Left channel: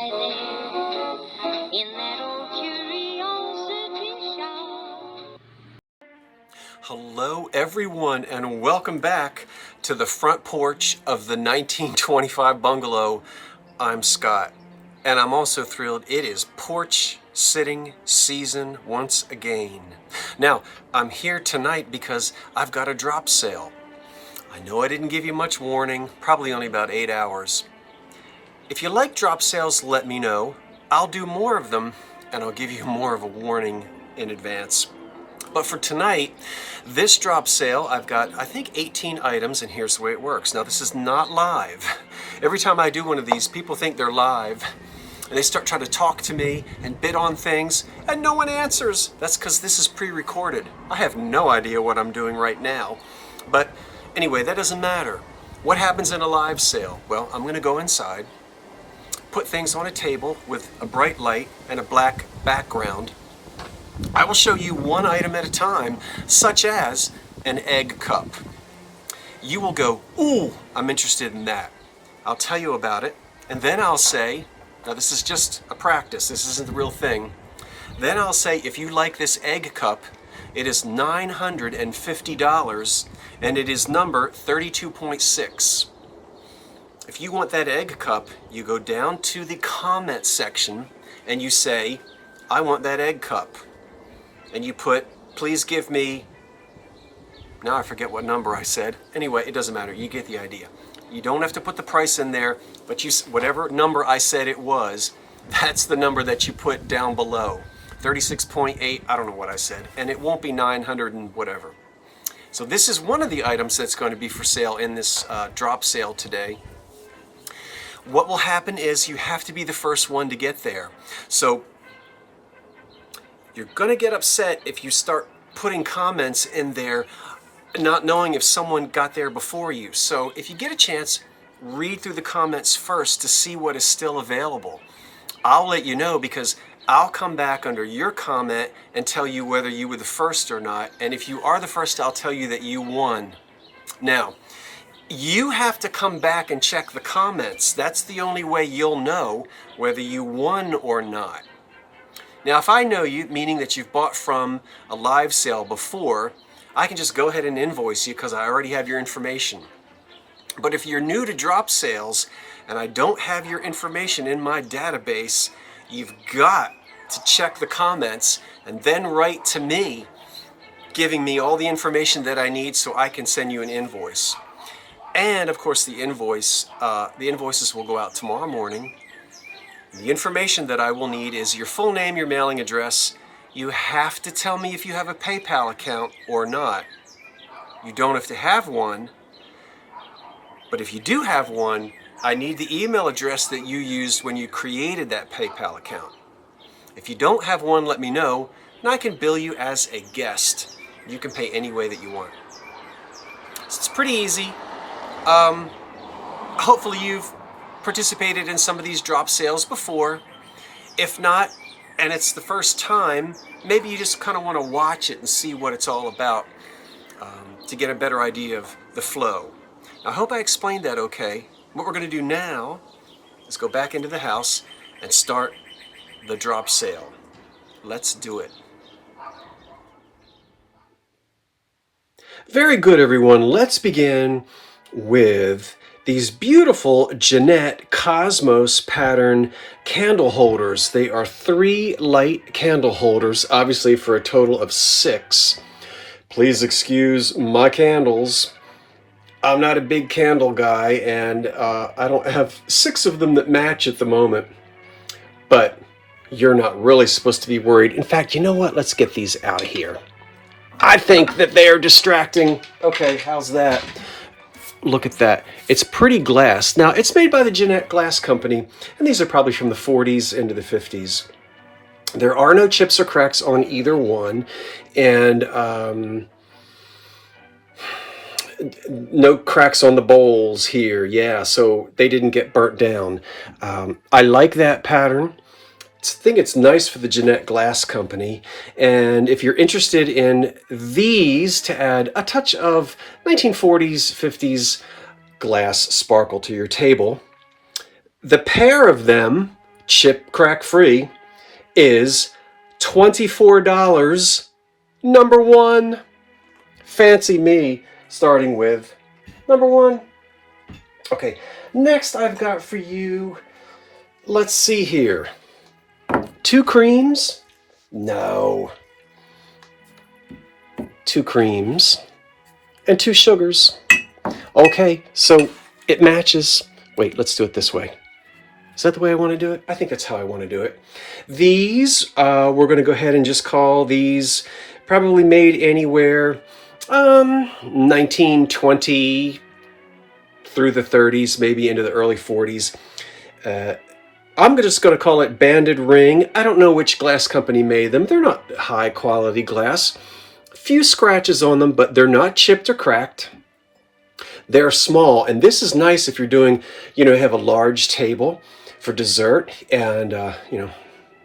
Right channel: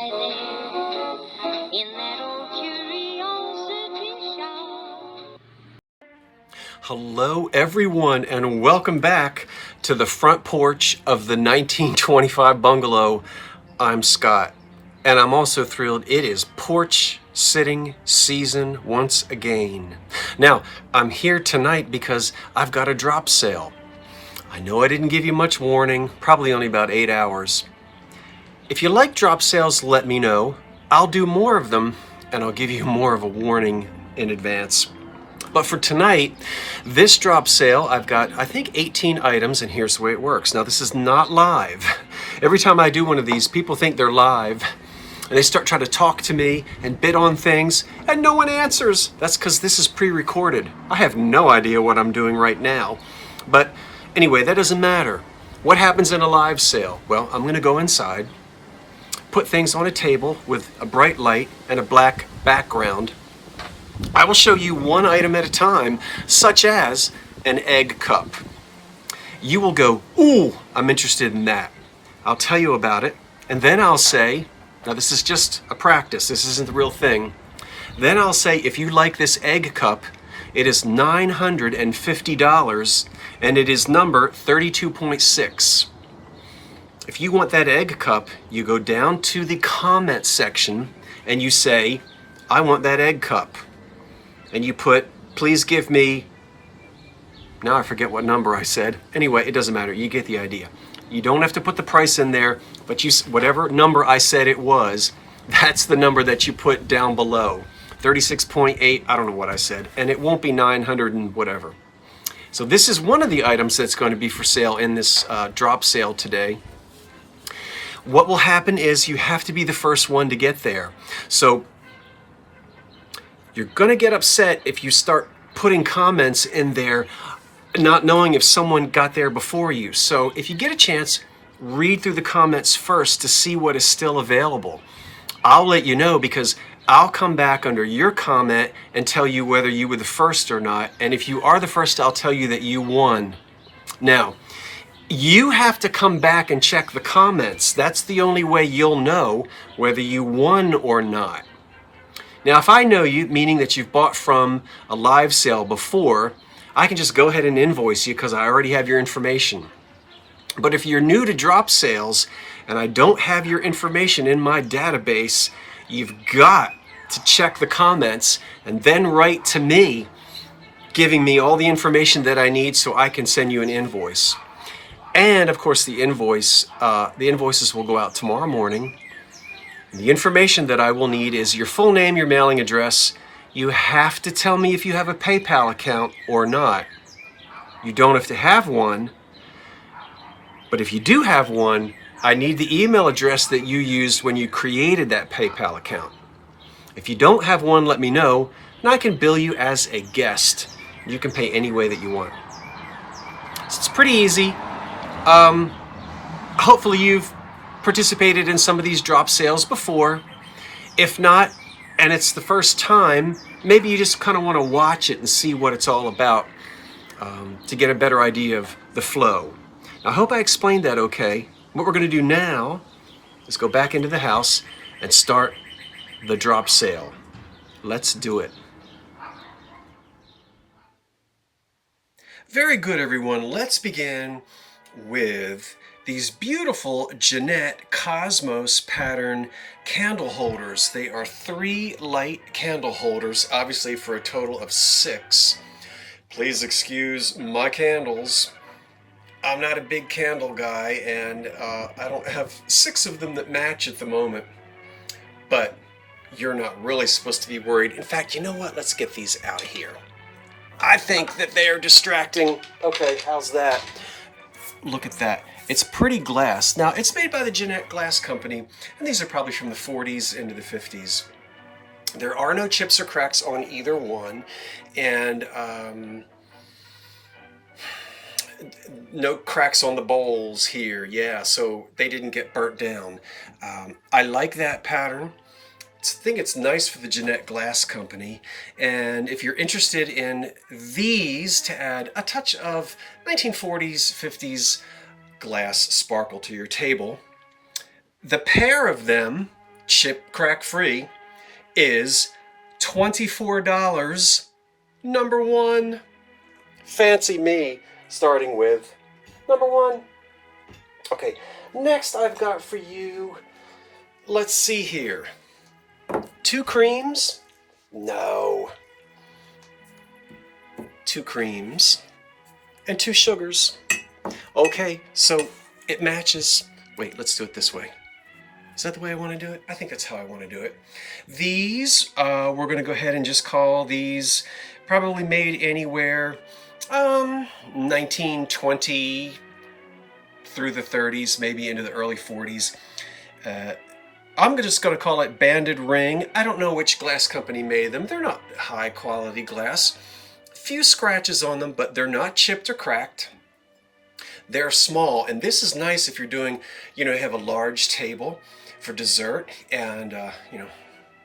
lie there in that old curiosity shop. Hello everyone and welcome back to the front porch of the 1925 bungalow. I'm Scott and I'm also thrilled it is porch sitting season once again. Now I'm here tonight because I've got a drop sale. I know I didn't give you much warning, probably only about 8 hours. If you like drop sales, let me know. I'll do more of them and I'll give you more of a warning in advance. But for tonight, this drop sale, I've got, I think, 18 items, and here's the way it works. Now, this is not live. Every time I do one of these, people think they're live, and they start trying to talk to me and bid on things, and no one answers. That's because this is pre-recorded. I have no idea what I'm doing right now. But anyway, that doesn't matter. What happens in a live sale? Well, I'm going to go inside, put things on a table with a bright light and a black background. I will show you one item at a time, such as an egg cup. You will go, ooh, I'm interested in that. I'll tell you about it, and then I'll say, now this is just a practice, this isn't the real thing. Then I'll say, if you like this egg cup, it is $950, and it is number 32.6. If you want that egg cup, you go down to the comment section, and you say, I want that egg cup. And you put, please give me, now I forget what number I said. Anyway, it doesn't matter, you get the idea. You don't have to put the price in there, but whatever number I said it was, that's the number that you put down below. 36.8, I don't know what I said, and it won't be 900 and whatever. So this is one of the items that's going to be for sale in this drop sale today. What will happen is you have to be the first one to get there. So you're going to get upset if you start putting comments in there not knowing if someone got there before you. So if you get a chance, read through the comments first to see what is still available. I'll let you know because I'll come back under your comment and tell you whether you were the first or not. And if you are the first, I'll tell you that you won. Now, you have to come back and check the comments. That's the only way you'll know whether you won or not. Now, if I know you, meaning that you've bought from a live sale before, I can just go ahead and invoice you because I already have your information. But if you're new to drop sales and I don't have your information in my database, you've got to check the comments and then write to me, giving me all the information that I need so I can send you an invoice. And of course, the invoices will go out tomorrow morning. The information that I will need is your full name, your mailing address. You have to tell me if you have a PayPal account or not. You don't have to have one, but if you do have one, I need the email address that you used when you created that PayPal account. If you don't have one, let me know, and I can bill you as a guest. You can pay any way that you want. So it's pretty easy. Hopefully you've participated in some of these drop sales before. If not, and it's the first time, maybe you just kind of want to watch it and see what it's all about to get a better idea of the flow. Now, I hope I explained that okay. What we're going to do now is go back into the house and start the drop sale. Let's do it. Very good, everyone. Let's begin with these beautiful Jeanette Cosmos pattern candle holders. They are 3 light candle holders, obviously for a total of 6. Please excuse my candles. I'm not a big candle guy, and I don't have 6 of them that match at the moment. But you're not really supposed to be worried. In fact, you know what? Let's get these out of here. I think that they are distracting. Okay, how's that? Look at that. It's pretty glass. Now, it's made by the Jeanette Glass Company, and these are probably from the 40s into the 50s. There are no chips or cracks on either one, and no cracks on the bowls here. Yeah, so they didn't get burnt down. I like that pattern. I think it's nice for the Jeanette Glass Company. And if you're interested in these to add a touch of 1940s, 50s glass sparkle to your table, the pair of them chip crack free, is $24. Number one. Fancy me starting with number one. Okay, next I've got for you, let's see here. 2 creams? No. 2 creams and 2 sugars. Okay, so it matches. Wait, let's do it this way. Is that the way I want to do it? I think that's how I want to do it. These, we're going to go ahead and just call these probably made anywhere 1920 through the 30s, maybe into the early 40s. I'm just going to call it Banded Ring. I don't know which glass company made them. They're not high quality glass. A few scratches on them, but they're not chipped or cracked. They're small, and this is nice if you're doing, you have a large table for dessert, and you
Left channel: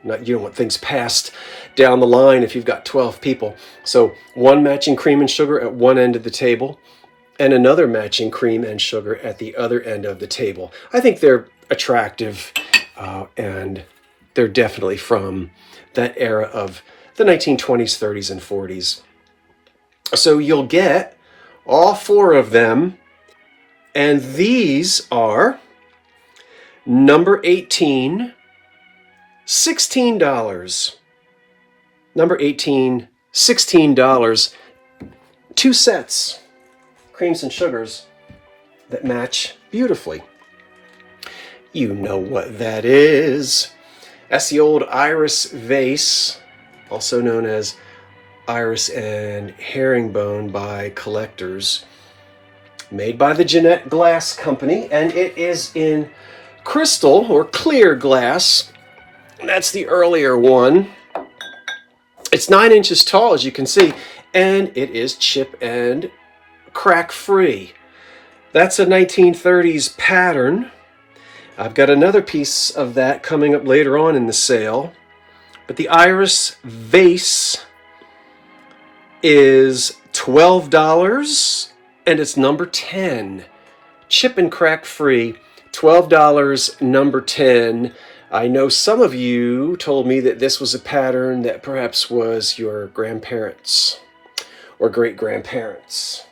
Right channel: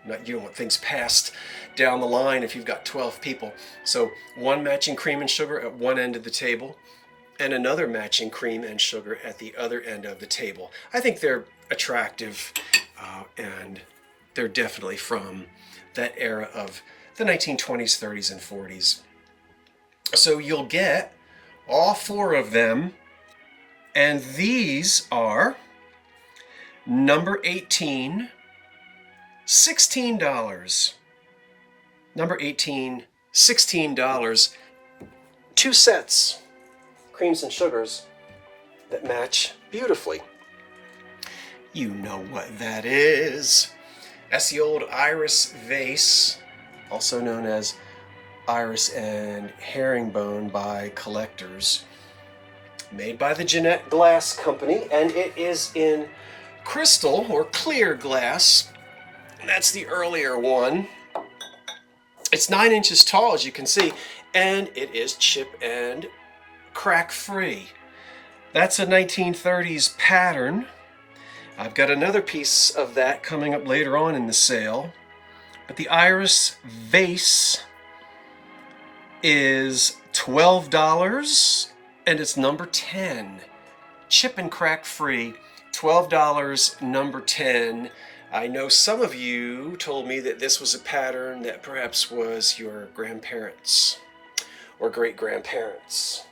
don't want things passed down the line if you've got 12 people. So one matching cream and sugar at one end of the table, and another matching cream and sugar at the other end of the table. I think they're attractive, and they're definitely from that era of the 1920s, 30s, and 40s. So you'll get all 4 of them, and these are number 18, $16. Number 18, $16. 2 sets, creams and sugars, that match beautifully. You know what that is. That's the old iris vase, also known as iris and herringbone by collectors, made by the Jeanette Glass Company, and it is in crystal or clear glass. That's the earlier one. It's 9 inches tall, as you can see, and it is chip and crack free. That's a 1930s pattern. I've got another piece of that coming up later on in the sale, but the iris vase is $12, and it's number 10. Chip and crack free, $12, number 10. I know some of you told me that this was a pattern that perhaps was your grandparents or great-grandparents.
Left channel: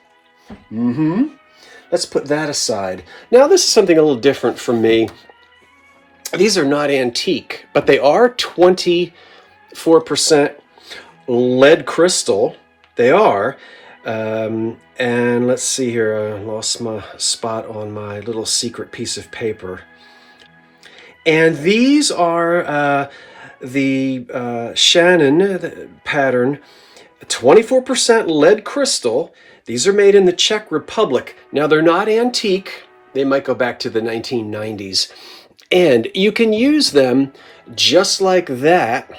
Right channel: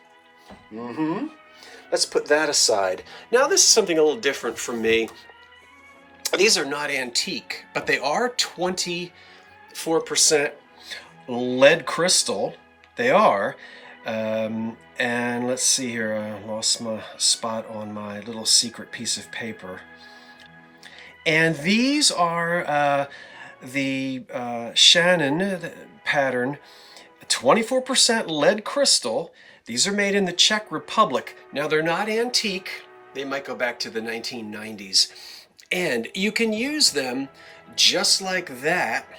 Let's put that aside. Now this is something a little different from me. These are not antique, but they are 24% lead crystal. They are. And let's see here. I lost my spot on my little secret piece of paper. And these are the Shannon pattern, 24% lead crystal. These are made in the Czech Republic. Now, they're not antique. They might go back to the 1990s. And you can use them just like that.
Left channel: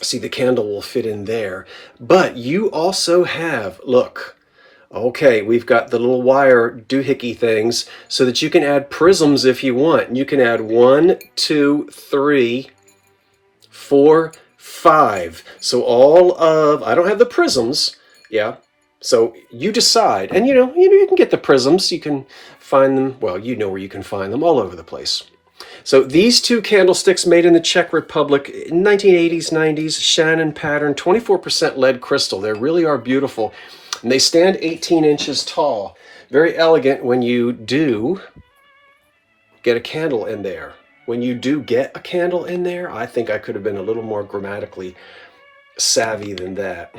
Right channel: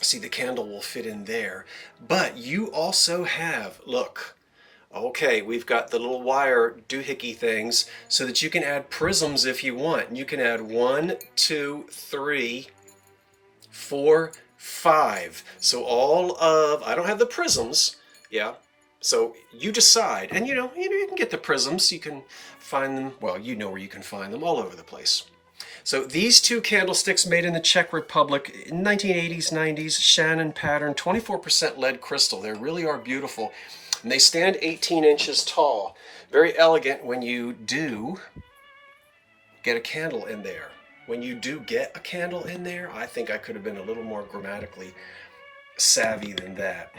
See, the candle will fit in there. But you also have, look, okay, we've got the little wire doohickey things so that you can add prisms if you want. You can add 1, 2, 3, 4, 5. So all of, I don't have the prisms, yeah. So you decide, and you can get the prisms. You can find them, well, you know where you can find them, all over the place. So these 2 candlesticks made in the Czech Republic, 1980s, 90s, Shannon pattern, 24% lead crystal. They really are beautiful. And they stand 18 inches tall. Very elegant when you do get a candle in there. When you do get a candle in there, I think I could have been a little more grammatically savvy than that,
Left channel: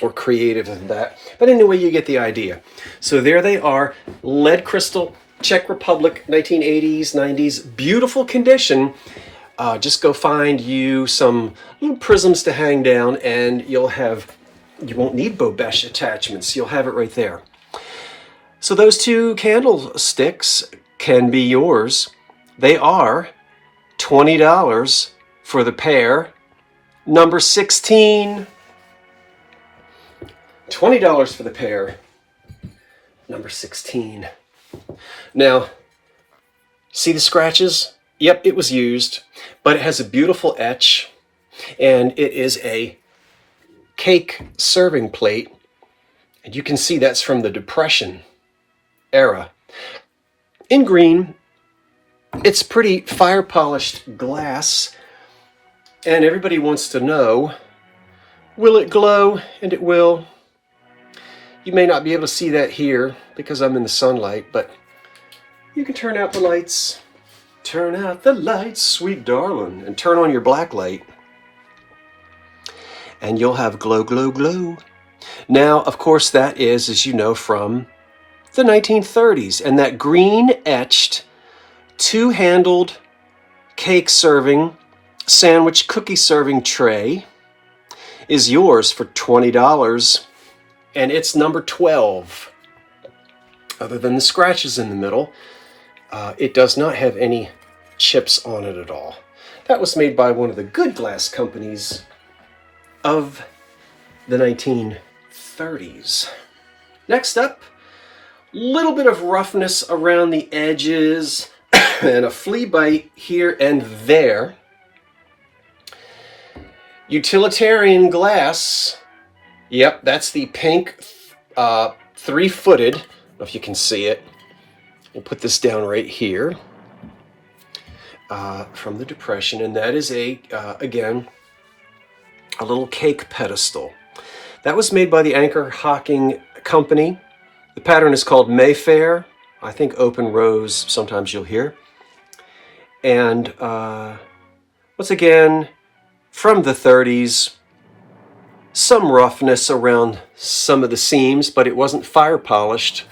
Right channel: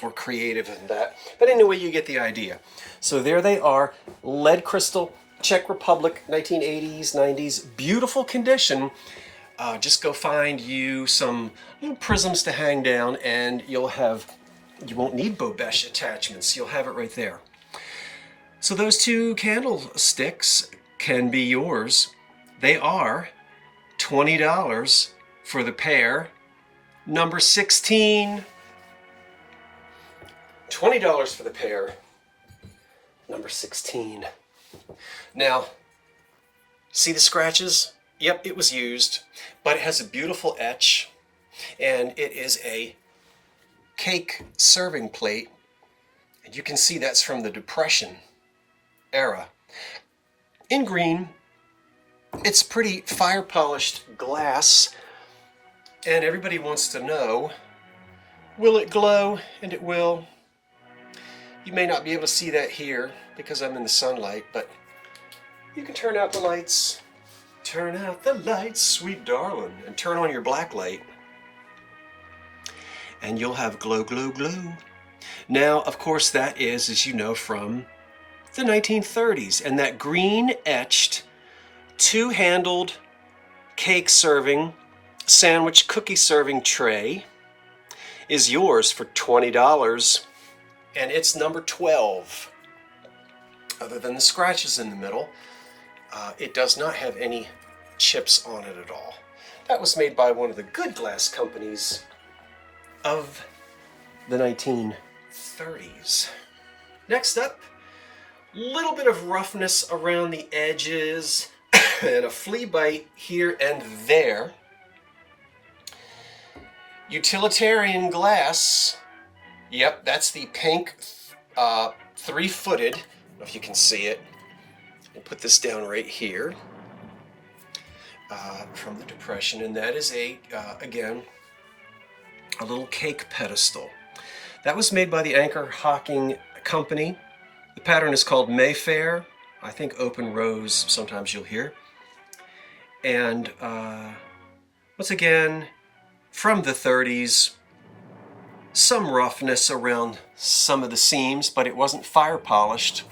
or creative than that. But anyway, you get the idea. So there they are, lead crystal, Czech Republic, 1980s, 90s, beautiful condition. Just go find you some little prisms to hang down, and you won't need Bobesh attachments. You'll have it right there. So those 2 candlesticks can be yours. They are $20 for the pair. Number 16. $20 for the pair. Number 16. Now, see the scratches? Yep, it was used, but it has a beautiful etch, and it is a cake serving plate, and you can see that's from the Depression era. In green, It's pretty fire polished glass, and everybody wants to know, will it glow? And it will. You may not be able to see that here because I'm in the sunlight, but you can turn out the lights. Turn out the lights, sweet darling, and turn on your black light, and you'll have glow, glow, glow. Now, of course, that is, as you know, from the 1930s, and that green etched, two-handled cake serving, sandwich cookie serving tray is yours for $20, and it's number 12. Other than the scratches in the middle, it does not have any chips on it at all. That was made by one of the good glass companies of the 1930s. Next up, little bit of roughness around the edges and a flea bite here and there. Utilitarian glass. Yep, that's the pink three-footed. I don't know if you can see it. We'll put this down right here from the Depression, and that is again, a little cake pedestal. That was made by the Anchor Hocking company. The pattern is called Mayfair. I think open rose, sometimes you'll hear. And once again, from the 30s, some roughness around some of the seams, but it wasn't fire polished.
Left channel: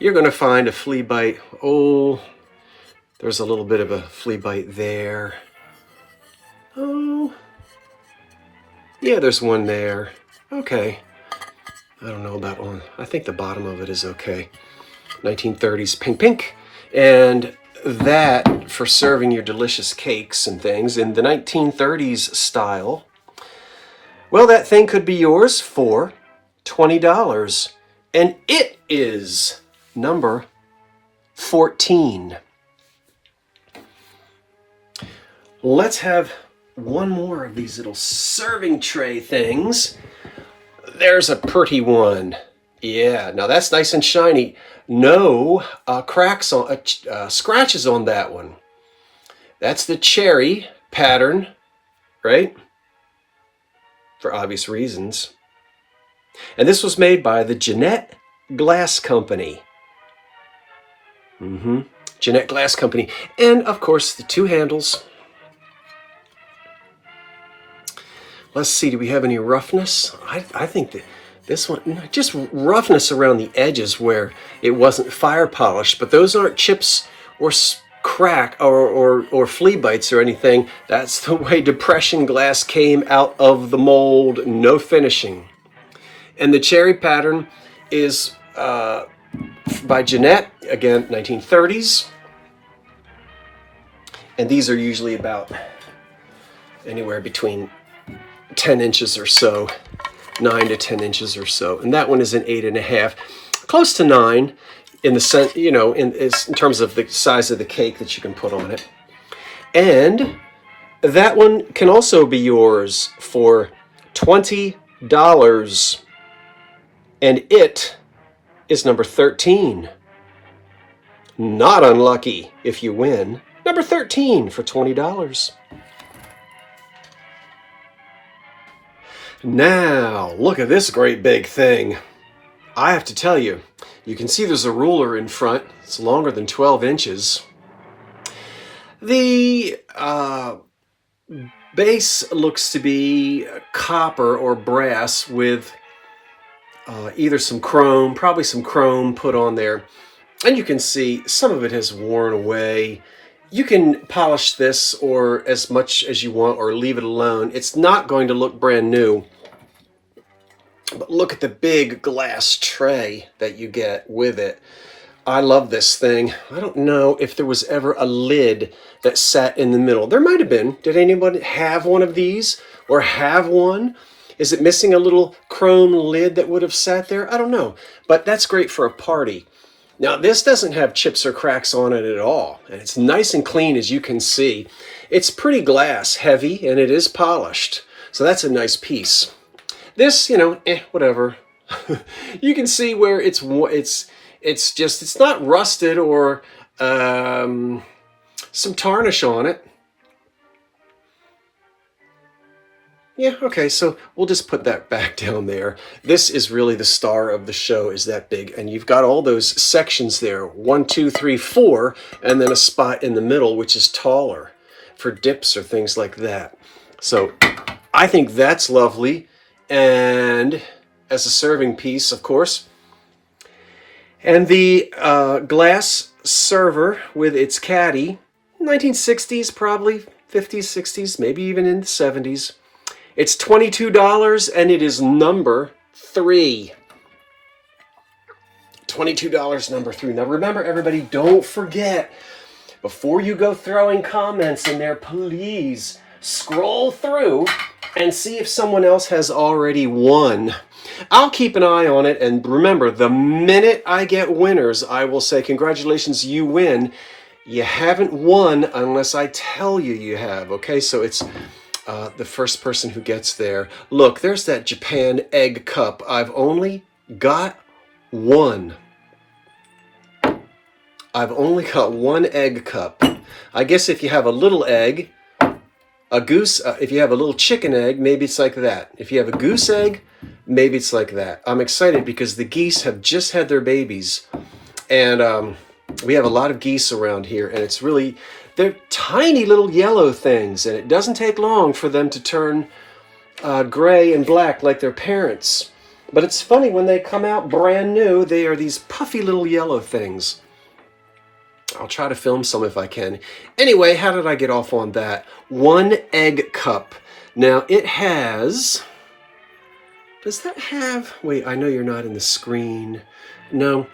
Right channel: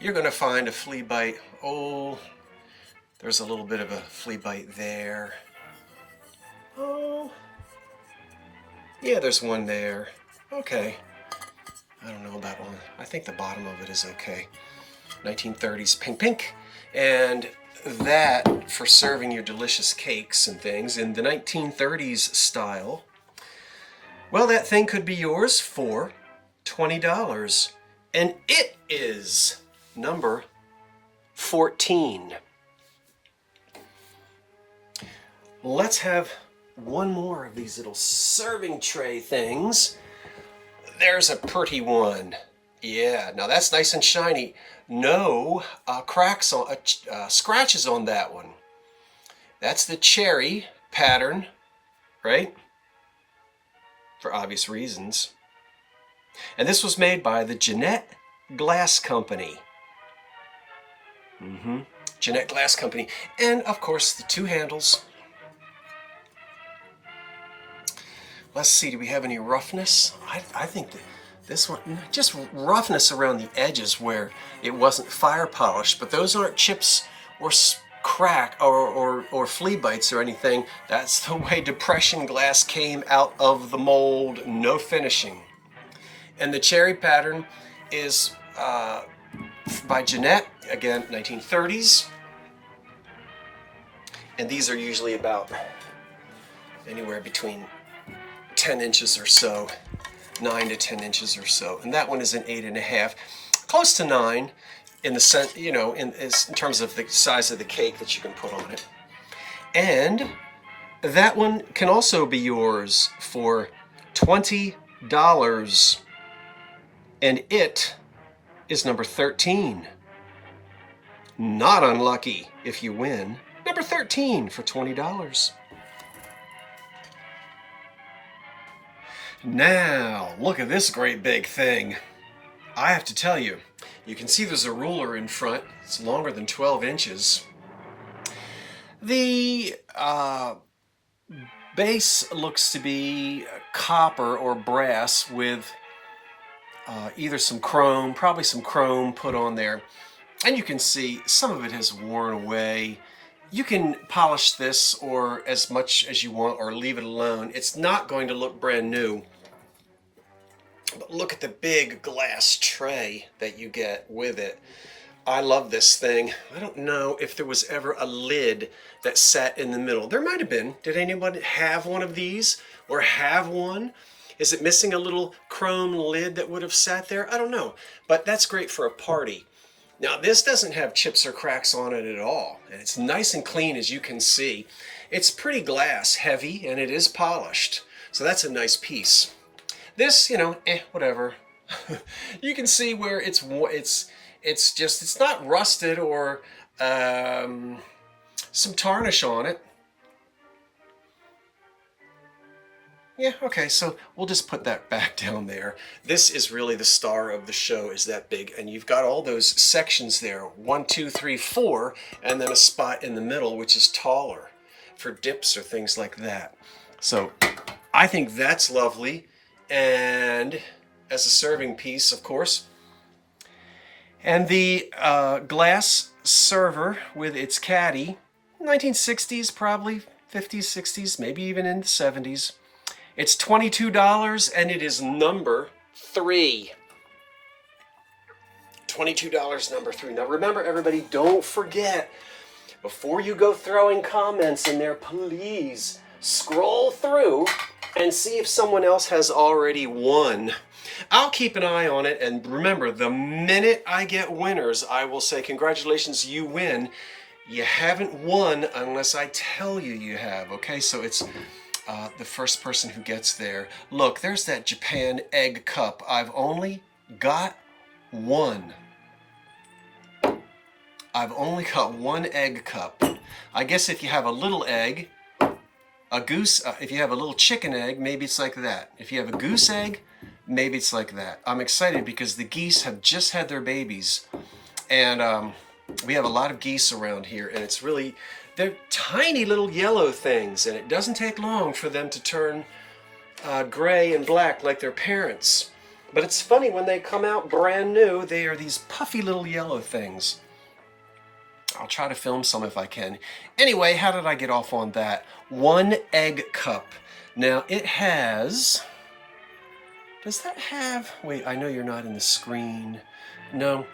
You're going to find a flea bite. Oh, there's a little bit of a flea bite there. Oh, yeah, there's one there. Okay. I don't know about one. I think the bottom of it is okay. 1930s pink pink. And that for serving your delicious cakes and things in the 1930s style. Well, that thing could be yours for $20. And it is number 14. Let's have one more of these little serving tray things. There's a pretty one. Yeah, now that's nice and shiny. No cracks on, scratches on that one. That's the cherry pattern, right? For obvious reasons. And this was made by the Jeanette Glass Company. Jeanette Glass Company. And of course, the two handles. Let's see, do we have any roughness? I think that this one, just roughness around the edges where it wasn't fire polished, but those aren't chips or crack or flea bites or anything. That's the way Depression glass came out of the mold, no finishing. And the cherry pattern is by Jeanette, again, 1930s. And these are usually about anywhere between 10 inches or so, 9 to 10 inches or so. And that one is an 8.5, close to 9 in the in terms of the size of the cake that you can put on it. And that one can also be yours for $20. And it is number 13. Not unlucky if you win. Number 13 for $20. Now, look at this great big thing. I have to tell you, you can see there's a ruler in front. It's longer than 12 inches. The base looks to be copper or brass with either some chrome, probably some chrome put on there. And you can see some of it has worn away. You can polish this or as much as you want or leave it alone. It's not going to look brand new. But look at the big glass tray that you get with it. I love this thing. I don't know if there was ever a lid that sat in the middle. There might have been. Did anyone have one of these or have one? Is it missing a little chrome lid that would have sat there? I don't know. But that's great for a party. Now, this doesn't have chips or cracks on it at all. And it's nice and clean, as you can see. It's pretty glass, heavy, and it is polished. So that's a nice piece. This, whatever. You can see where it's not rusted or some tarnish on it. Yeah, okay, so we'll just put that back down there. This is really the star of the show, is that big. And you've got all those sections there, 1, 2, 3, 4, and then a spot in the middle, which is taller for dips or things like that. So I think that's lovely. And as a serving piece, of course. And the glass server with its caddy, 1960s probably, 50s, 60s, maybe even in the 70s. It's $22 and it is number 3. $22 number 3. Now remember, everybody, don't forget, before you go throwing comments in there, please scroll through and see if someone else has already won. I'll keep an eye on it, and remember, the minute I get winners, I will say, congratulations, you win. You haven't won unless I tell you you have, okay? So it's the first person who gets there. Look, there's that Japan egg cup. I've only got one. I've only got one egg cup. I guess if you have a little egg, a goose, if you have a little chicken egg, maybe it's like that. If you have a goose egg, maybe it's like that. I'm excited because the geese have just had their babies. And we have a lot of geese around here, and it's really, they're tiny little yellow things, and it doesn't take long for them to turn gray and black like their parents. But it's funny, when they come out brand new, they are these puffy little yellow things. I'll try to film some if I can. Anyway, how did I get off on that? One egg cup. Now it has, does that have, wait, I know you're not in the screen. No,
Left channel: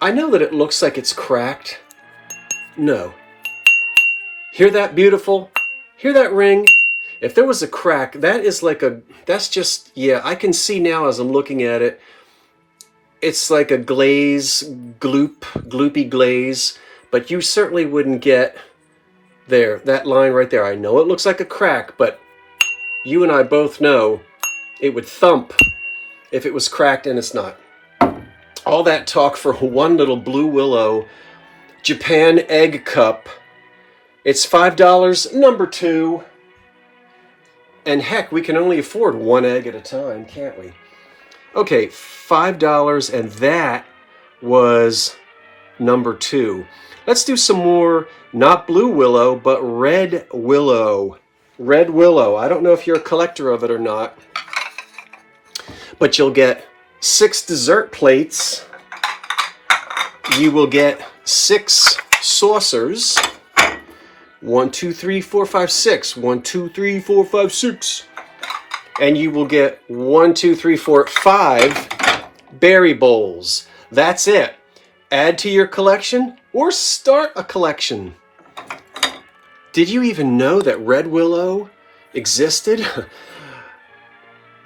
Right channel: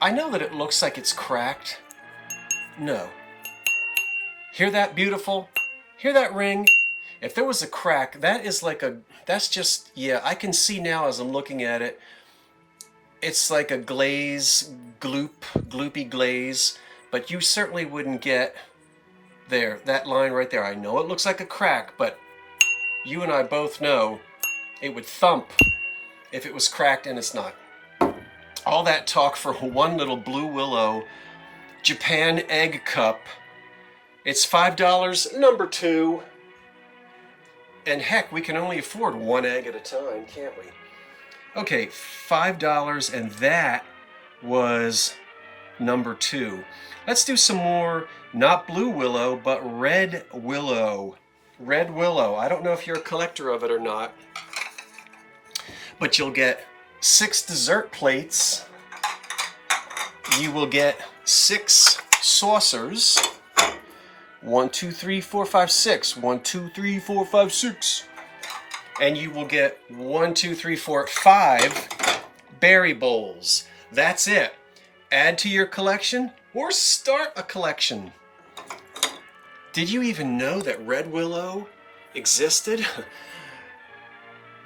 I know that it looks like it's cracked. No. Hear that, beautiful? Hear that ring? If there was a crack, that is like a, that's just, yeah, I can see now as I'm looking at it, it's like a glaze, gloopy glaze, but you certainly wouldn't get there, that line right there. I know it looks like a crack, but you and I both know it would thump if it was cracked, and it's not. All that talk for one little blue willow Japan egg cup. It's $5, number 2. And heck, we can only afford one egg at a time, can't we? Okay, $5, and that was number 2. Let's do some more, not blue willow, but red willow. Red willow. I don't know if you're a collector of it or not, but you'll get 6 dessert plates. You will get 6 saucers. 1, 2, 3, 4, 5, 6. 1, 2, 3, 4, 5, 6. And you will get 1, 2, 3, 4, 5 berry bowls. That's it. Add to your collection or start a collection. Did you even know that red willow existed?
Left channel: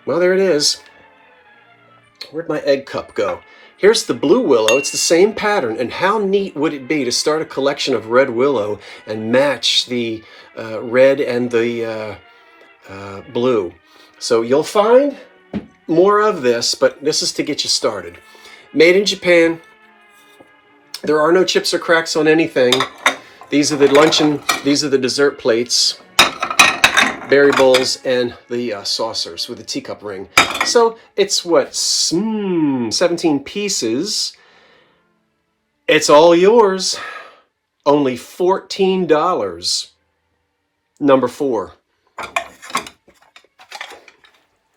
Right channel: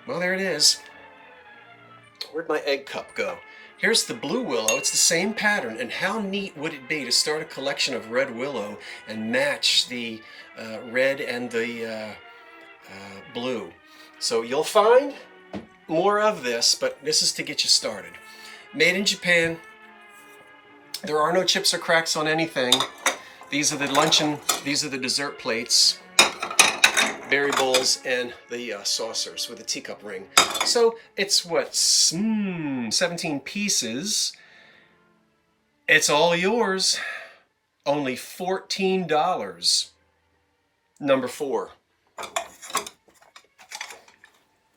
Well, there it is. Where'd my egg cup go? Here's the blue willow. It's the same pattern. And how neat would it be to start a collection of red willow and match the red and the blue? So you'll find more of this, but this is to get you started. Made in Japan. There are no chips or cracks on anything. These are the luncheon, these are the dessert plates, berry bowls, and the saucers with the teacup ring. So it's what, 17 pieces. It's all yours. Only $14. Number 4.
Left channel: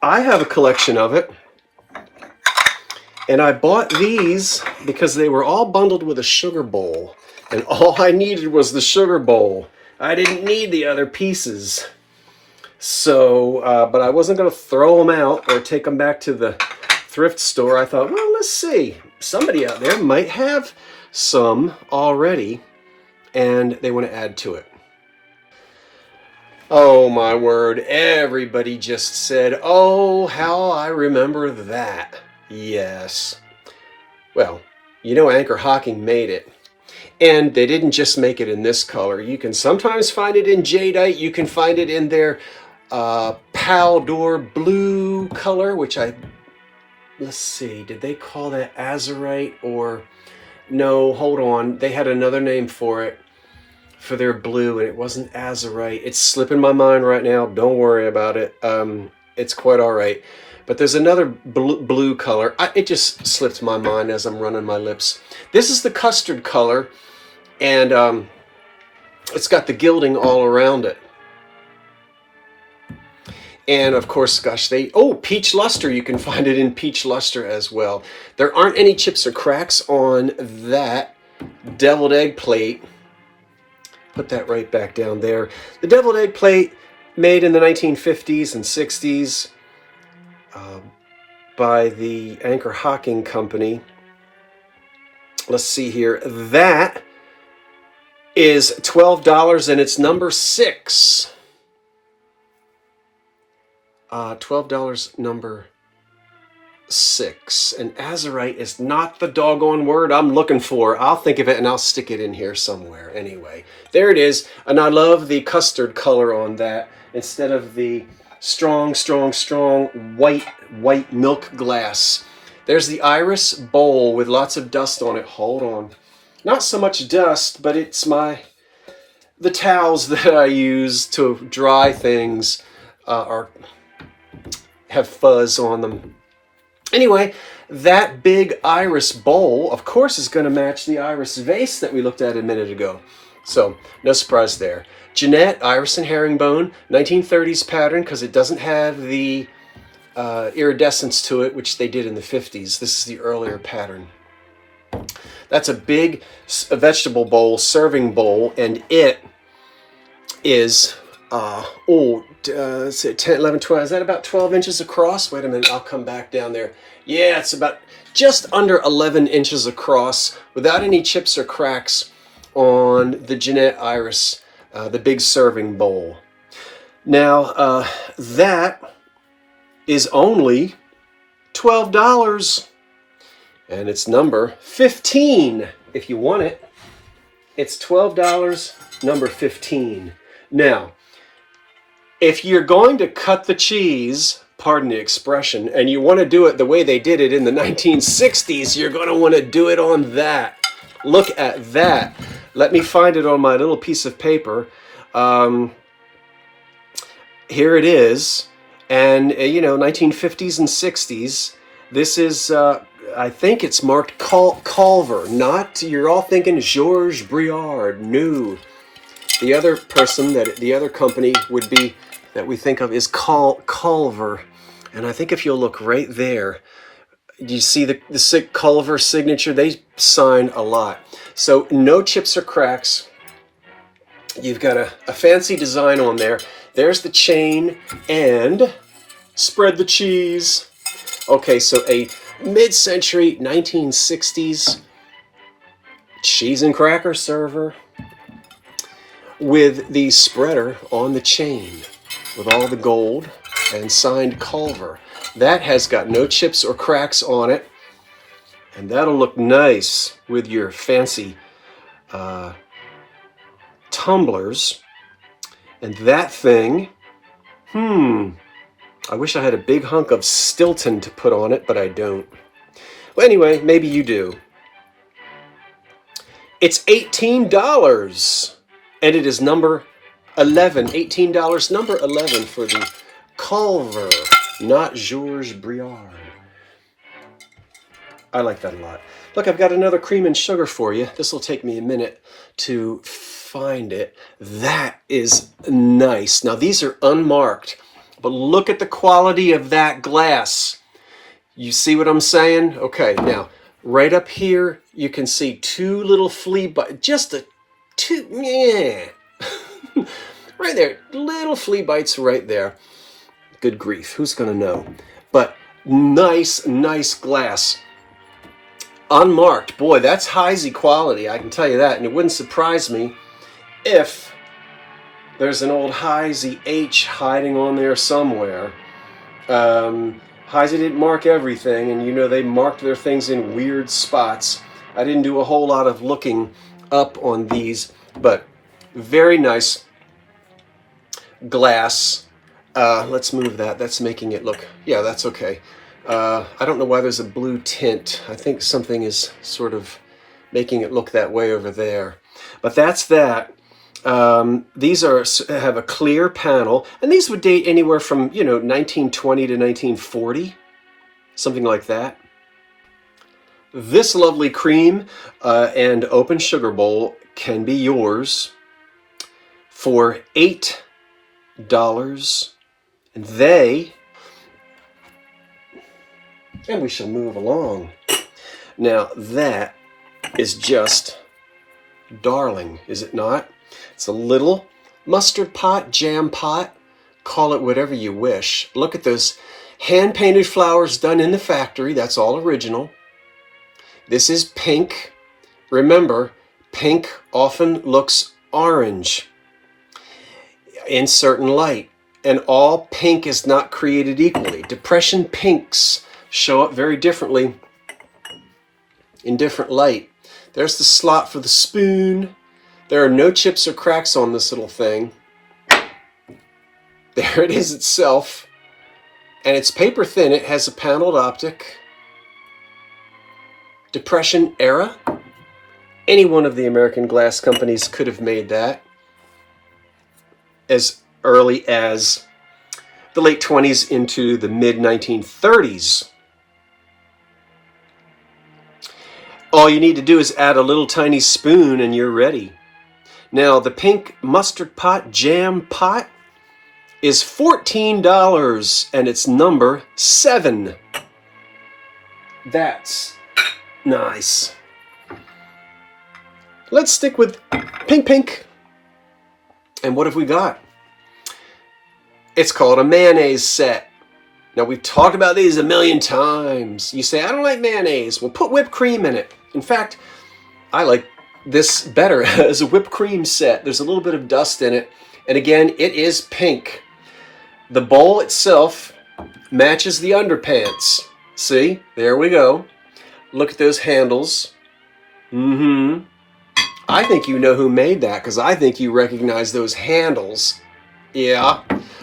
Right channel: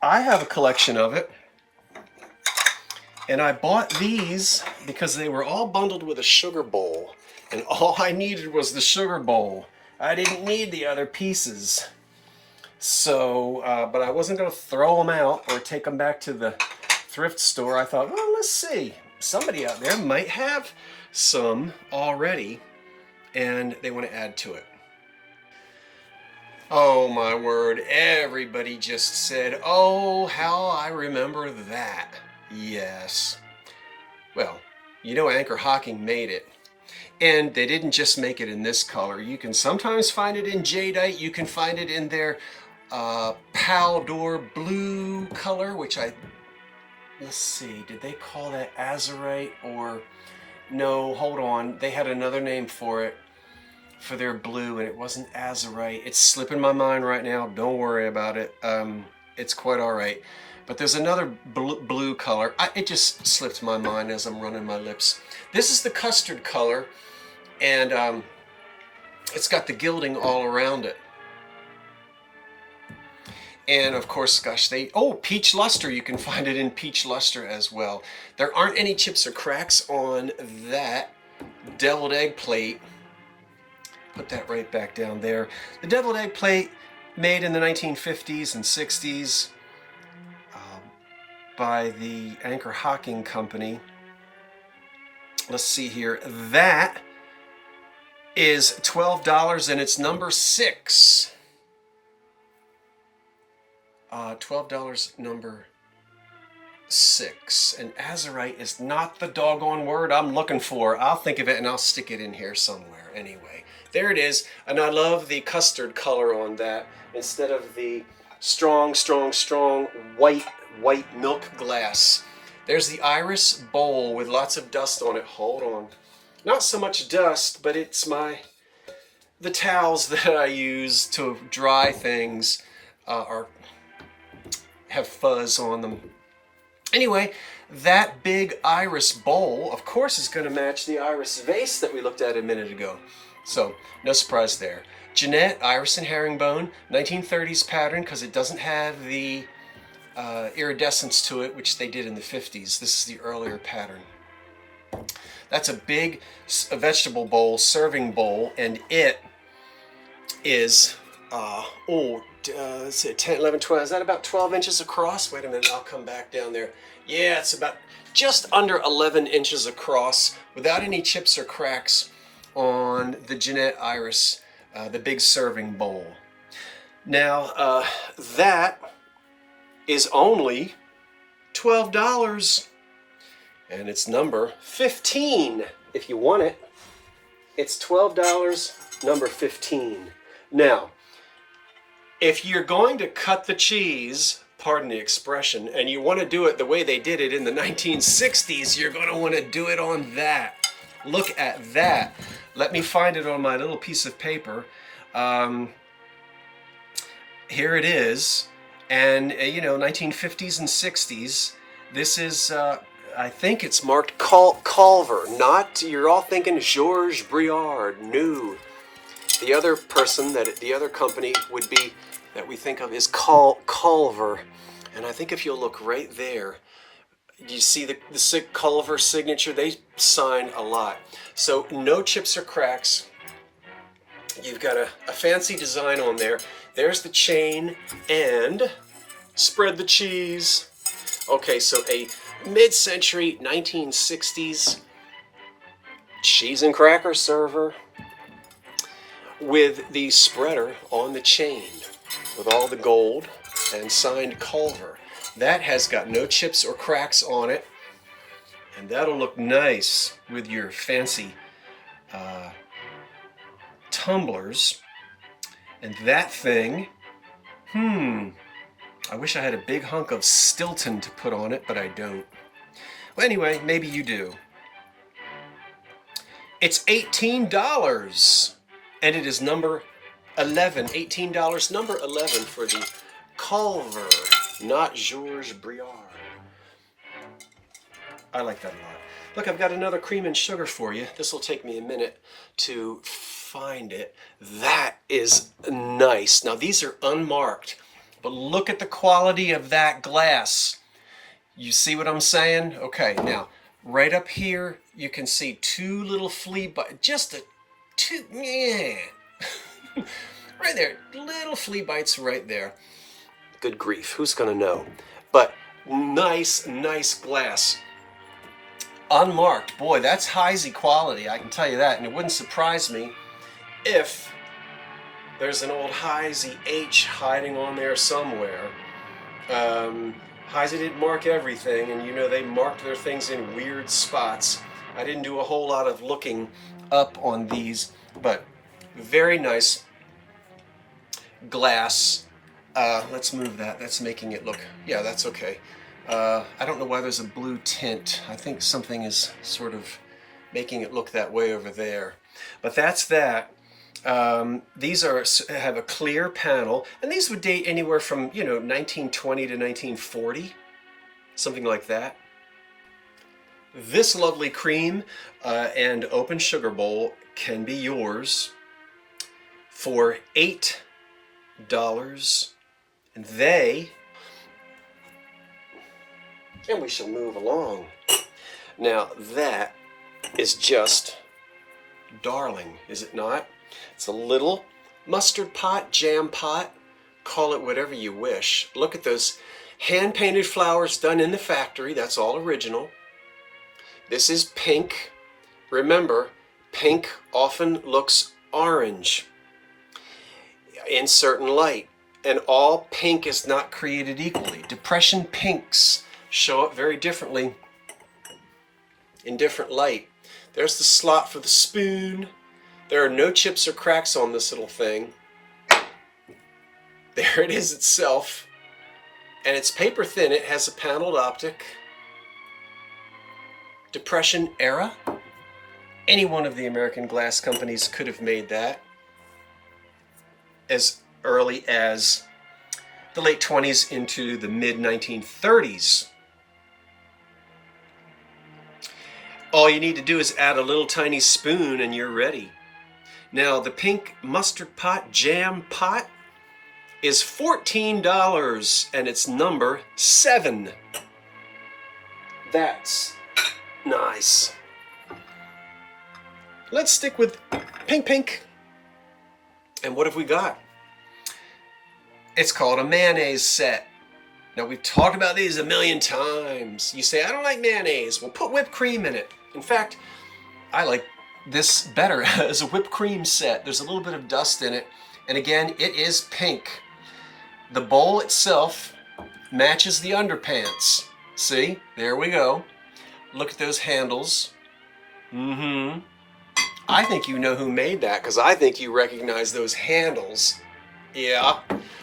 I have a collection of it. And I bought these because they were all bundled with a sugar bowl. And all I needed was the sugar bowl. I didn't need the other pieces. So, but I wasn't going to throw them out or take them back to the thrift store. I thought, well, let's see. Somebody out there might have some already, and they want to add to it. Oh, my word. Everybody just said, oh, how I remember that. Yes. Well, you know Anchor Hocking made it. And they didn't just make it in this color. You can sometimes find it in jadeite. You can find it in their Paldor blue color, which let's see, did they call that azurite? Or No, hold on. They had another name for it, for their blue, and it wasn't azurite. It's slipping my mind right now. Don't worry about it. It's quite all right. But there's another blue color. It just slipped my mind as I'm running my lips. This is the custard color, and it's got the gilding all around it. And of course, gosh, peach luster. You can find it in peach luster as well. There aren't any chips or cracks on that deviled egg plate. Put that right back down there. The deviled egg plate, made in the 1950s and 60s by the Anchor Hocking company. Let's see here. That is $12, and it's number 6. $12 number 6. And azurite is not the doggone word I'm looking for. I'll think of it and I'll stick it in here somewhere anyway. There it is. And I love the custard color on that instead of the strong white milk glass. There's the iris bowl with lots of dust on it. Hold on. Not so much dust, but it's the towels that I use to dry things have fuzz on them. Anyway, that big iris bowl, of course, is going to match the iris vase that we looked at a minute ago. So, no surprise there. Jeanette, iris and herringbone, 1930s pattern, because it doesn't have the iridescence to it, which they did in the 50s. This is the earlier pattern. That's a big vegetable bowl, serving bowl, and it is, 10, 11, 12, is that about 12 inches across? Wait a minute, I'll come back down there. Yeah, it's about just under 11 inches across without any chips or cracks on the Jeanette Iris, the big serving bowl. Now, that is only $12, and it's number 15 if you want it. It's $12, number 15. Now, if you're going to cut the cheese, pardon the expression, and you want to do it the way they did it in the 1960s, you're going to want to do it on that. Look at that. Let me find it on my little piece of paper. Here it is. And, 1950s and 60s. This is, I think it's marked Culver. Not, you're all thinking Georges Briard. No. The other person, the other company would be, that we think of, is Culver. And I think if you'll look right there, you see the Culver signature. They sign a lot. So no chips or cracks. You've got a fancy design on there. There's the chain, and spread the cheese. Okay, so a mid-century 1960s cheese and cracker server with the spreader on the chain with all the gold and signed Culver. That has got no chips or cracks on it, and that'll look nice with your fancy tumblers. And that thing, I wish I had a big hunk of Stilton to put on it, but I don't. Well, anyway, maybe you do. It's $18, and it is number 11. $18, number 11 for the Culver, not Georges Briard. I like that a lot. Look, I've got another cream and sugar for you. This will take me a minute to find it. That is nice. Now, these are unmarked, but look at the quality of that glass. You see what I'm saying? Okay, now, right up here, you can see two little flea bites. Right there, little flea bites right there. Good grief, who's gonna know? But nice glass. Unmarked, boy, that's Heisey quality, I can tell you that. And it wouldn't surprise me if there's an old Heisey H hiding on there somewhere. Heisey didn't mark everything, and they marked their things in weird spots. I didn't do a whole lot of looking up on these, but very nice glass. Let's move that. That's making it look, yeah, that's okay. I don't know why there's a blue tint. I think something is sort of making it look that way over there. But that's that. These have a clear panel, and these would date anywhere from 1920 to 1940, something like that. This lovely cream and open sugar bowl can be yours for $8. And we shall move along. Now that is just darling, is it not? It's a little mustard pot, jam pot, call it whatever you wish. Look at those hand-painted flowers done in the factory. That's all original. This is pink. Remember, pink often looks orange in certain light, and all pink is not created equally. Depression pinks show up very differently in different light. There's the slot for the spoon. There are no chips or cracks on this little thing. There it is itself. And it's paper thin. It has a paneled optic. Depression era. Any one of the American glass companies could have made that as early as the late 20s into the mid 1930s. All you need to do is add a little tiny spoon and you're ready. Now, the pink mustard pot jam pot is $14 and it's number 7. That's nice. Let's stick with pink. And what have we got? It's called a mayonnaise set. Now, we've talked about these a million times. You say, I don't like mayonnaise. Well, put whipped cream in it. In fact, I like this better as a whipped cream set. There's a little bit of dust in it. And again, it is pink. The bowl itself matches the underpants. See? There we go. Look at those handles. I think you know who made that because I think you recognize those handles. Yeah.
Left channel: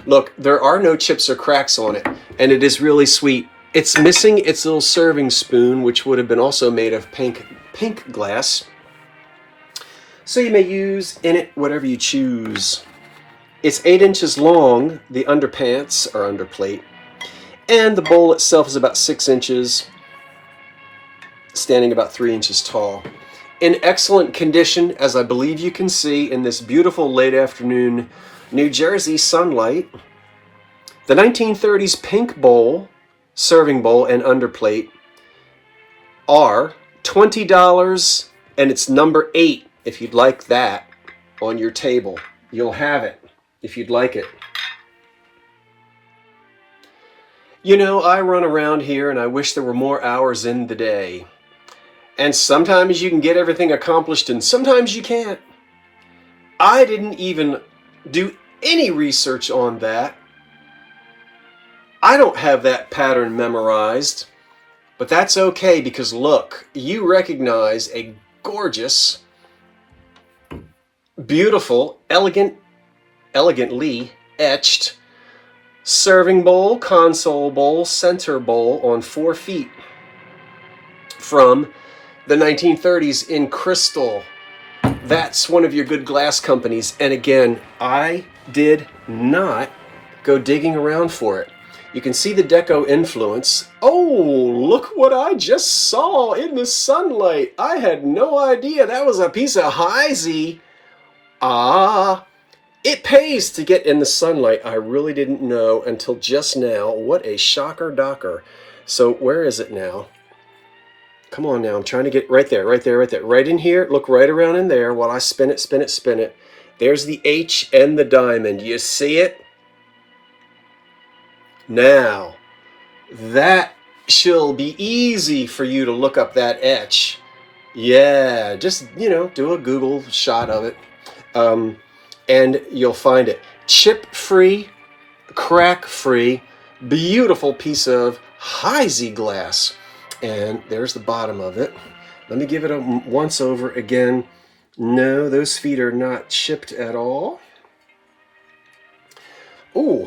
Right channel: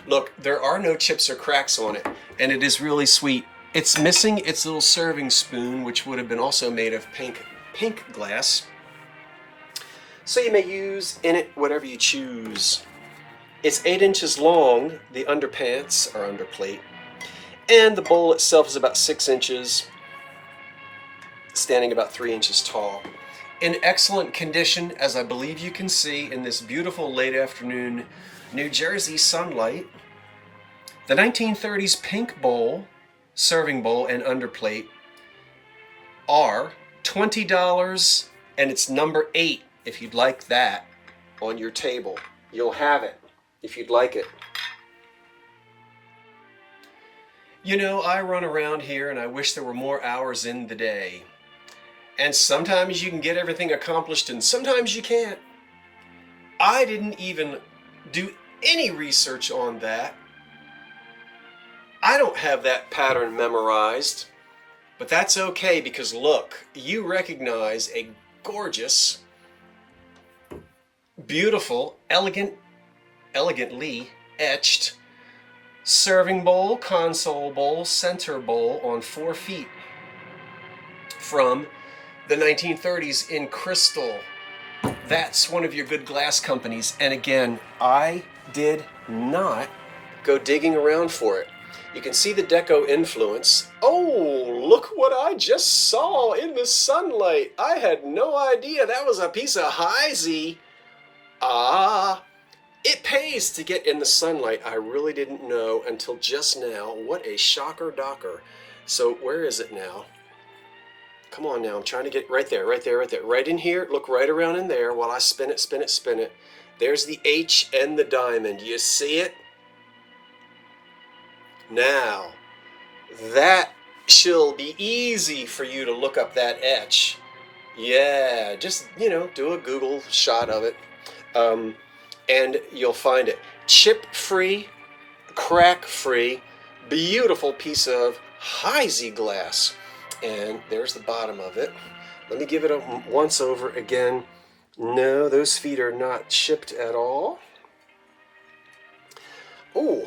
Look, there are no chips or cracks on it, and it is really sweet. It's missing its little serving spoon, which would have been also made of pink glass. So you may use in it whatever you choose. It's 8 inches long, the underpants or underplate, and the bowl itself is about 6 inches, standing about 3 inches tall. In excellent condition, as I believe you can see in this beautiful late afternoon New Jersey sunlight. The 1930s pink bowl, serving bowl, and underplate are $20, and it's number 8 if you'd like that on your table. You'll have it if you'd like it. You know, I run around here and I wish there were more hours in the day. And sometimes you can get everything accomplished and sometimes you can't. I didn't even do any research on that. I don't have that pattern memorized, but that's okay because look, you recognize a gorgeous, beautiful, elegantly etched serving bowl, console bowl, center bowl on 4 feet from the 1930s in crystal. That's one of your good glass companies. And again, I did not go digging around for it. You can see the deco influence. Oh, look what I just saw in the sunlight. I had no idea that was a piece of Heisey. Ah, it pays to get in the sunlight. I really didn't know until just now. What a shocker docker. So where is it now? Come on now, I'm trying to get right there. Right in here, look right around in there while I spin it. There's the H and the diamond. You see it? Now, that shall be easy for you to look up that etch. Yeah, just, do a Google shot of it. And you'll find it. Chip-free, crack-free, beautiful piece of Heisey glass. And there's the bottom of it. Let me give it a once over again. No, those feet are not chipped at all. Ooh,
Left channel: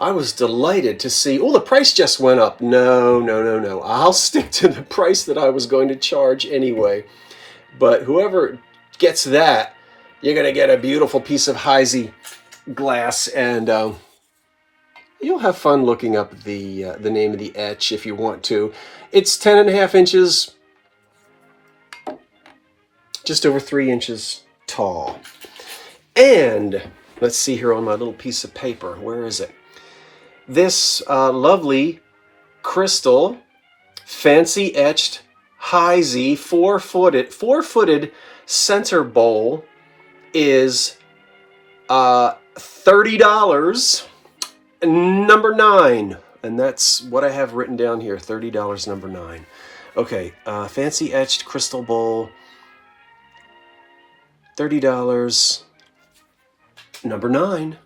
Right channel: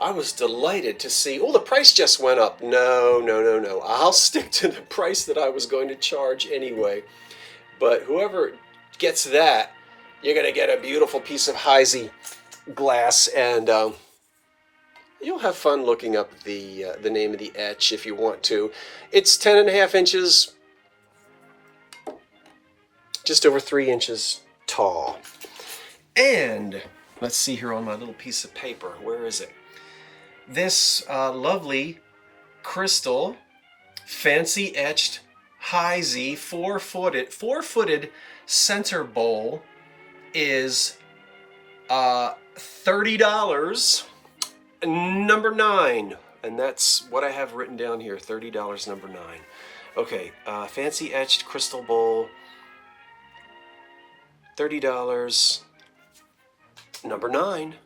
I was delighted to see. Oh, the price just went up. No. I'll stick to the price that I was going to charge anyway. But whoever gets that, you're going to get a beautiful piece of Heisey glass, and you'll have fun looking up the name of the etch if you want to. It's 10.5 inches, just over 3 inches tall. And let's see here on my little piece of paper. Where is it? This lovely crystal, fancy etched Heisey four-footed center bowl is $30, number 9. And that's what I have written down here, $30, number 9. Okay, fancy etched crystal bowl, $30, number 9.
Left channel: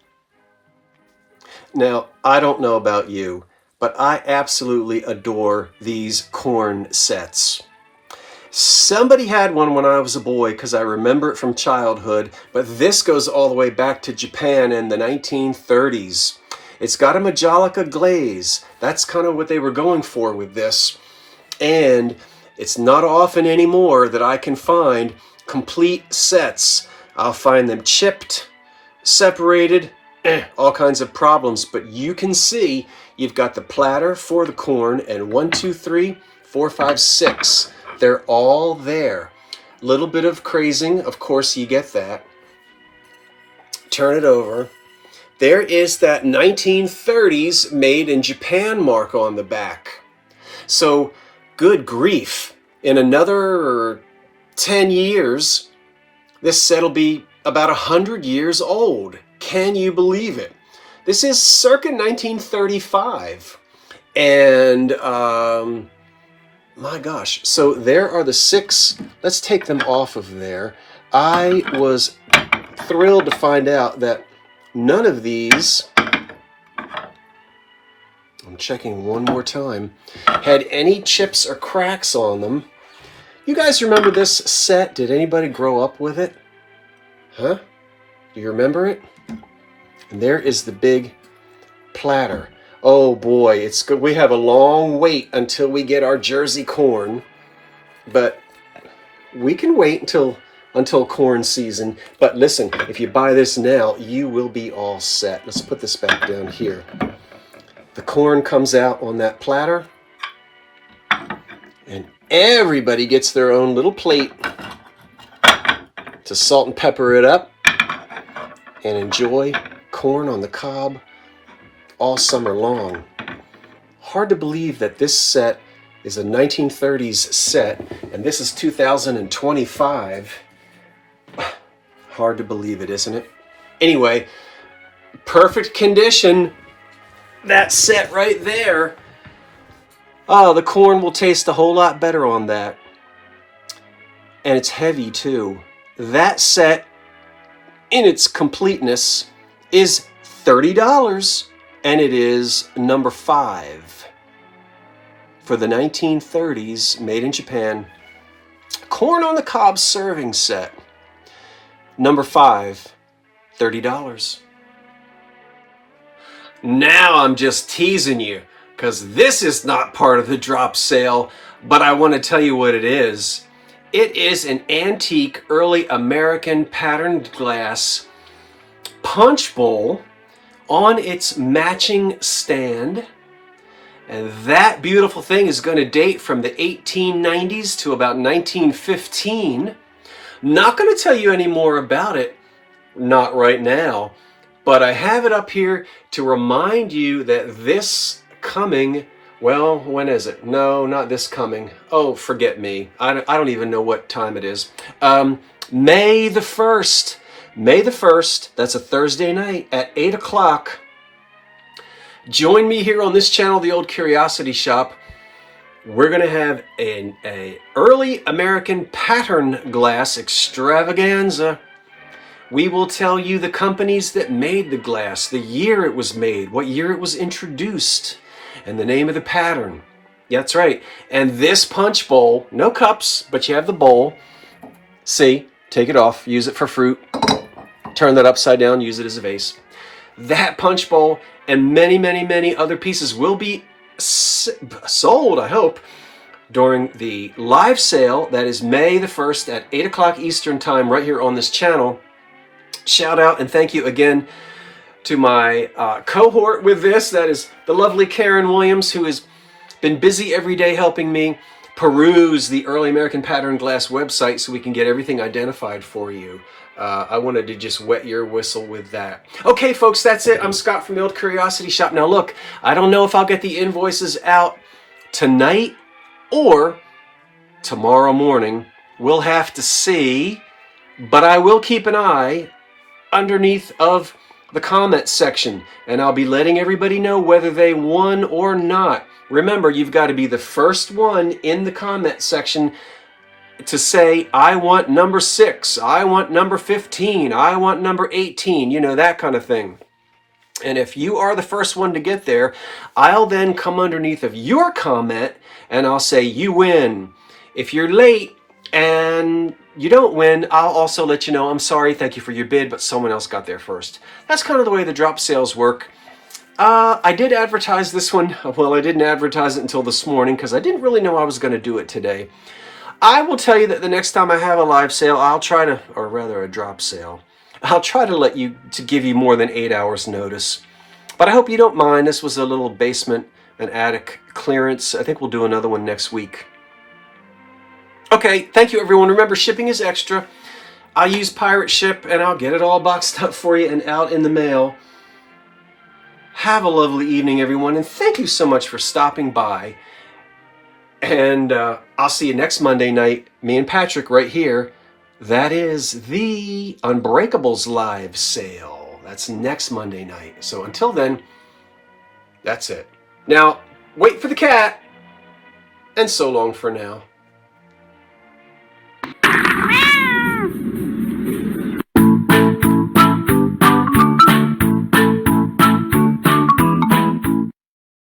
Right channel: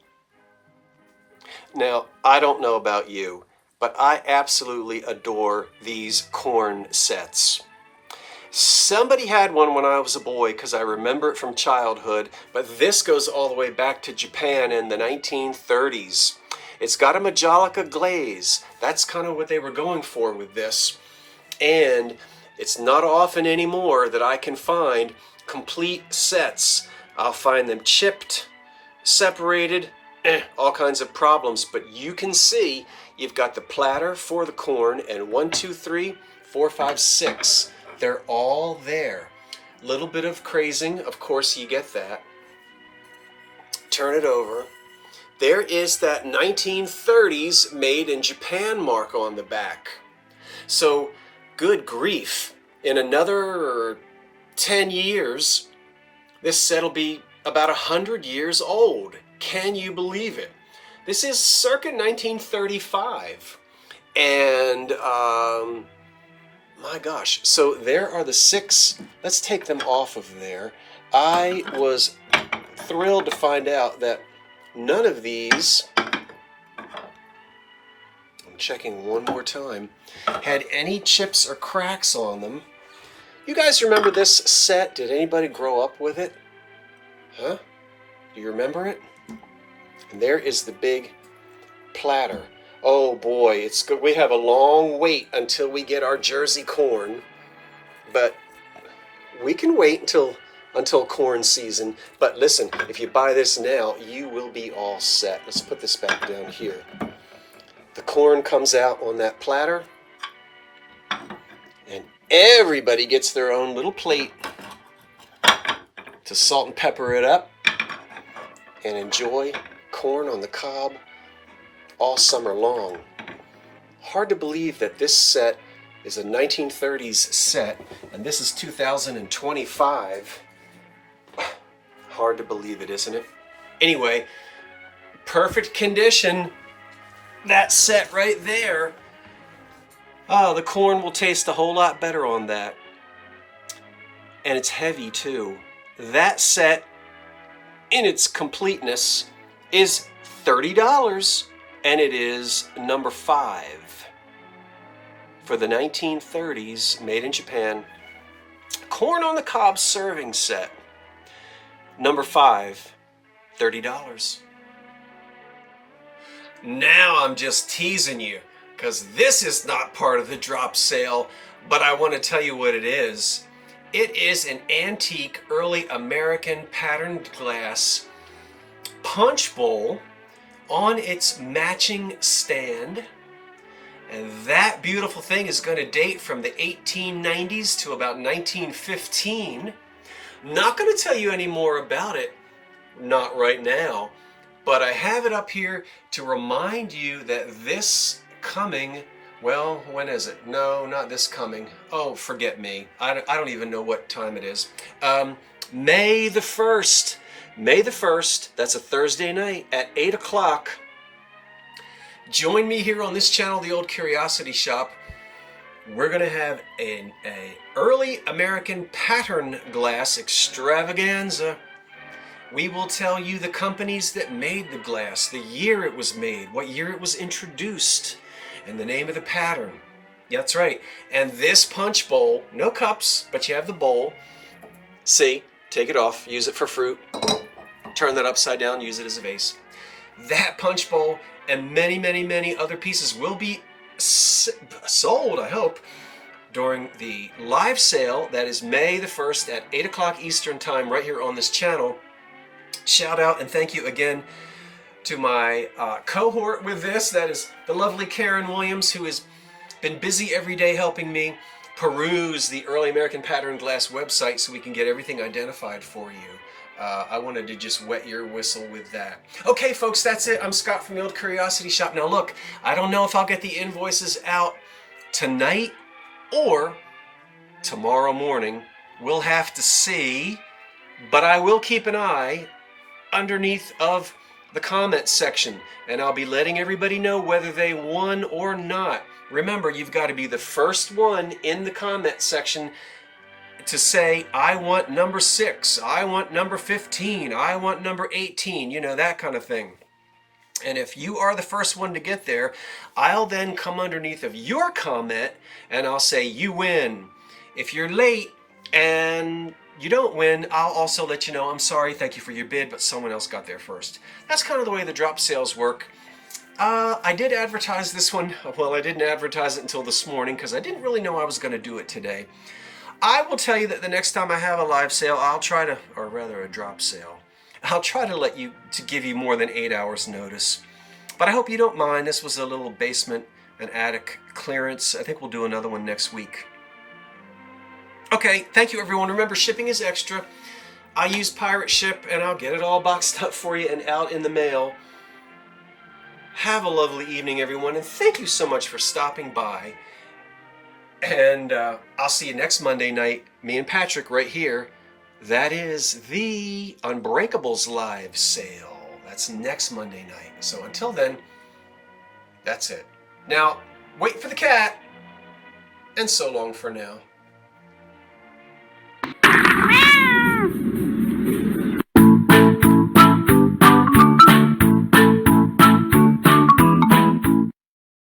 Now, I don't know about you, but I absolutely adore these corn sets. Somebody had one when I was a boy because I remember it from childhood, but this goes all the way back to Japan in the 1930s. It's got a Majolica glaze. That's kind of what they were going for with this. And it's not often anymore that I can find complete sets. I'll find them chipped, separated, all kinds of problems. But you can see you've got the platter for the corn, and 1, 2, 3, 4, 5, 6. They're all there. Little bit of crazing, of course you get that. Turn it over. There is that 1930s made in Japan mark on the back. So, good grief. In another 10 years, this set will be about 100 years old. Can you believe it? This is circa 1935. And, my gosh. So there are the 6. Let's take them off of there. I was thrilled to find out that none of these, I'm checking one more time, had any chips or cracks on them. You guys remember this set? Did anybody grow up with it? Huh? Do you remember it? And there is the big platter. Oh boy, it's good. We have a long wait until we get our Jersey corn, but we can wait until corn season. But listen, if you buy this now, you will be all set. Let's put this back down here. The corn comes out on that platter, and everybody gets their own little plate to salt and pepper it up and enjoy corn on the cob all summer long. Hard to believe that this set is a 1930s set, and this is 2025. Hard to believe it, isn't it? Anyway, perfect condition. That set right there. Oh, the corn will taste a whole lot better on that. And it's heavy too. That set, in its completeness, is $30, and it is number 5 for the 1930s, made in Japan. Corn on the cob serving set. Number 5, $30. Now I'm just teasing you, because this is not part of the drop sale, but I want to tell you what it is. It is an antique early American patterned glass punch bowl on its matching stand. And that beautiful thing is going to date from the 1890s to about 1915. Not going to tell you any more about it, not right now, but I have it up here to remind you that this coming, well, when is it? No, not this coming. Oh, forget me. I don't even know what time it is. May the 1st. May the 1st, that's a Thursday night at 8 o'clock. Join me here on this channel, The Old Curiosity Shop. We're going to have an early American pattern glass extravaganza. We will tell you the companies that made the glass, the year it was made, what year it was introduced, and the name of the pattern. That's right. And this punch bowl, no cups, but you have the bowl. See, take it off, use it for fruit. Turn that upside down, use it as a vase. That punch bowl and many, many, many other pieces will be sold, I hope, during the live sale that is May the 1st at 8 o'clock Eastern Time right here on this channel. Shout out and thank you again to my cohort with this. That is the lovely Karen Williams, who has been busy every day helping me peruse the Early American Pattern Glass website so we can get everything identified for you. I wanted to just wet your whistle with that. Okay, folks, that's it. I'm Scott from the Old Curiosity Shop. Now, look, I don't know if I'll get the invoices out tonight or tomorrow morning. We'll have to see, but I will keep an eye underneath of the comments section, and I'll be letting everybody know whether they won or not. Remember, you've got to be the first one in the comment section to say, I want number 6, I want number 15, I want number 18, you know, that kind of thing. And if you are the first one to get there, I'll then come underneath of your comment and I'll say, you win. If you're late and you don't win, I'll also let you know, I'm sorry, thank you for your bid, but someone else got there first. That's kind of the way the drop sales work. I did advertise this one. Well, I didn't advertise it until this morning because I didn't really know I was going to do it today. I will tell you that the next time I have a live sale, I'll try to, or rather a drop sale, I'll try to give you more than 8 hours notice. But I hope you don't mind. This was a little basement and attic clearance. I think we'll do another one next week. Okay, thank you everyone. Remember, shipping is extra. I use Pirate Ship and I'll get it all boxed up for you and out in the mail. Have a lovely evening, everyone, and thank you so much for stopping by. And I'll see you next Monday night, me and Patrick right here. That is the Unbreakables live sale. That's next Monday night. So until then, that's it. Now, wait for the cat, and so long for now.